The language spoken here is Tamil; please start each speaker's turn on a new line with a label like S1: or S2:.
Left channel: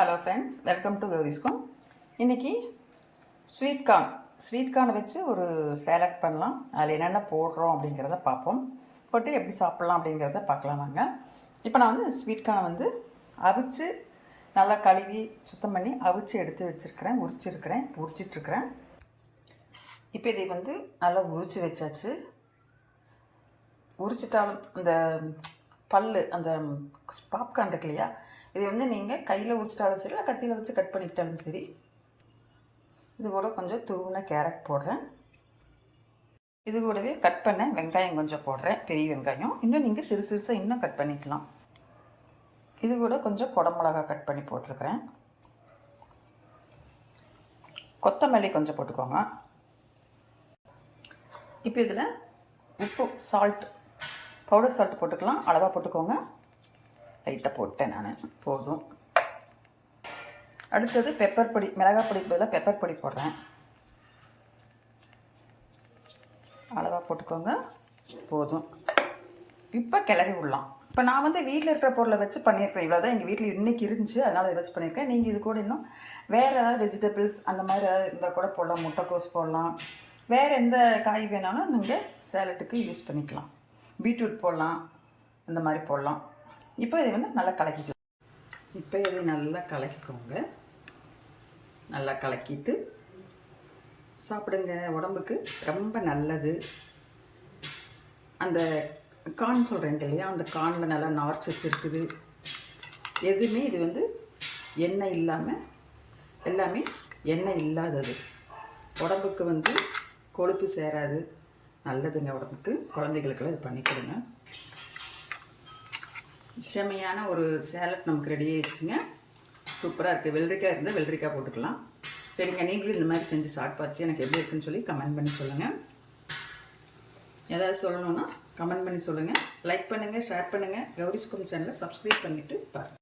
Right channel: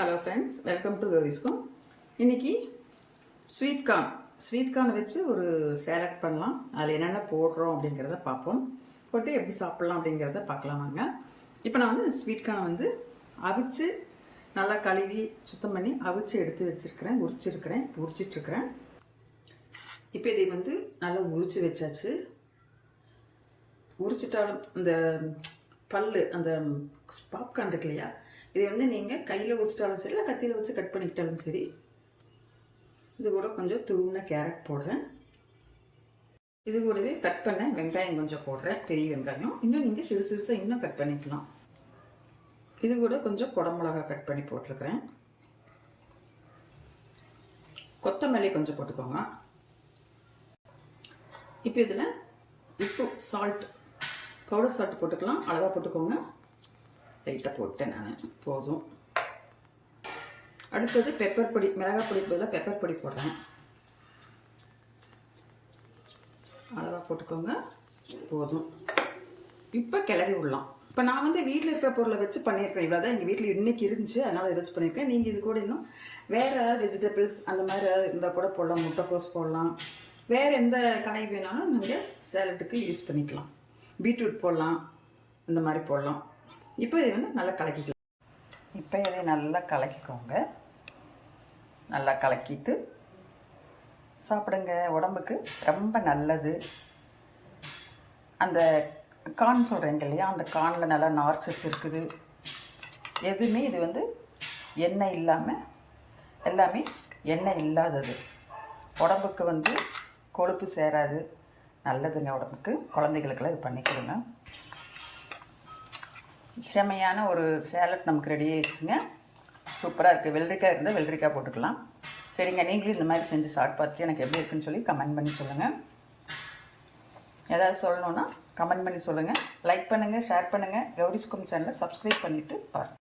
S1: ஹலோ ஃப்ரெண்ட்ஸ் வெல்கம் டு கௌரிஸ்கம் இன்றைக்கி ஸ்வீட் கார்ன் ஸ்வீட் கார்னை வச்சு ஒரு சேலட் பண்ணலாம். அதில் என்னென்ன போடுறோம் அப்படிங்கிறத பார்ப்போம். போட்டு எப்படி சாப்பிட்லாம் அப்படிங்கிறத பார்க்கலாம் வாங்க. இப்போ நான் வந்து ஸ்வீட் கார்னை வந்து அவிச்சு நல்லா கழுவி சுத்தம் பண்ணி அவிச்சு எடுத்து வச்சுருக்கிறேன். உரிச்சிருக்கிறேன். உரிச்சிட்ருக்கிறேன். இப்போ இதை வந்து நல்லா உரிச்சு வச்சாச்சு. உரிச்சிட்டாலும் அந்த பல்லு அந்த பாப்கார்ன் இருக்கு இல்லையா? இதை வந்து நீங்கள் கையில் வச்சுட்டாலும் சரி இல்லை கத்தியில் வச்சு கட் பண்ணிக்கிட்டாலும் சரி. இது கூட கொஞ்சம் துருவின கேரட் போடுறேன். இது கூடவே கட் பண்ண வெங்காயம் கொஞ்சம் போடுறேன் பெரிய வெங்காயம். இன்னும் நீங்கள் சிறு சிறுசாக இன்னும் கட் பண்ணிக்கலாம். இது கூட கொஞ்சம் குடமிளகா கட் பண்ணி போட்டிருக்கிறேன். கொத்தமல்லி கொஞ்சம் போட்டுக்கோங்க. இப்போ இதில் உப்பு சால்ட் பவுடர் சால்ட் போட்டுக்கலாம். அளவாக போட்டுக்கோங்க. லைட்டாக போட்டேன் நான். போதும். அடுத்தது பெப்பர் பொடி மிளகாய் பொடி பதிலாக பெப்பர் பொடி போடுறேன். அளவாக போட்டுக்கோங்க. போதும். இப்போ கிளறி விடலாம். இப்போ நான் வந்து வீட்டில் இருக்கிற பொருளை வச்சு பண்ணியிருக்கேன். இவ்வளோ தான் எங்கள் வீட்டில் இன்றைக்கி இருந்துச்சு. அதனால் இதை வச்சு பண்ணியிருக்கேன். நீங்கள் இது கூட இன்னும் வேறு ஏதாவது வெஜிடபிள்ஸ் அந்த மாதிரி ஏதாவது இருந்தால் கூட போடலாம். முட்டைக்கோஸ் போடலாம். வேறு எந்த காய் வேணாலும் நீங்கள் சேலட்டுக்கு யூஸ் பண்ணிக்கலாம். பீட்ரூட் போடலாம். அந்த மாதிரி போடலாம். இப்போ இதை வந்து நல்லா கலக்கிக்கலாம். இப்போ இதை நல்லா கலக்கிக்கோங்க. நல்லா கலக்கிட்டு சாப்பிடுங்க. உடம்புக்கு ரொம்ப நல்லது. அந்த கான் சொல்கிறேங்க இல்லையா? அந்த கானில் நல்லா நார் சத்து இருக்குது. எதுவுமே இது வந்து எண்ணெய் இல்லாமல் எல்லாமே எண்ணெய் இல்லாதது. உடம்புக்கு வந்து கொழுப்பு சேராது. நல்லதுங்க உடம்புக்கு. குழந்தைகளுக்கெல்லாம் இது பண்ணி கொடுங்க. செமையான ஒரு சேலட் நமக்கு ரெடி ஆயிடுச்சுங்க. சூப்பராக இருக்குது வெள்ளரிக்காய் இருந்தால் வெள்ளரிக்காய் போட்டுக்கலாம். சரிங்க நீங்களும் இந்த மாதிரி செஞ்சு சாப்பிட்டு பார்த்து எனக்கு எப்படி இருக்குன்னு சொல்லி கமெண்ட் பண்ணி சொல்லுங்கள் ஏதாவது சொல்லணுன்னா கமெண்ட் பண்ணி சொல்லுங்கள் லைக் பண்ணுங்கள் ஷேர் பண்ணுங்கள் கௌரிஸ்கும் சேனலை சப்ஸ்கிரைப் பண்ணிவிட்டு பாருங்கள்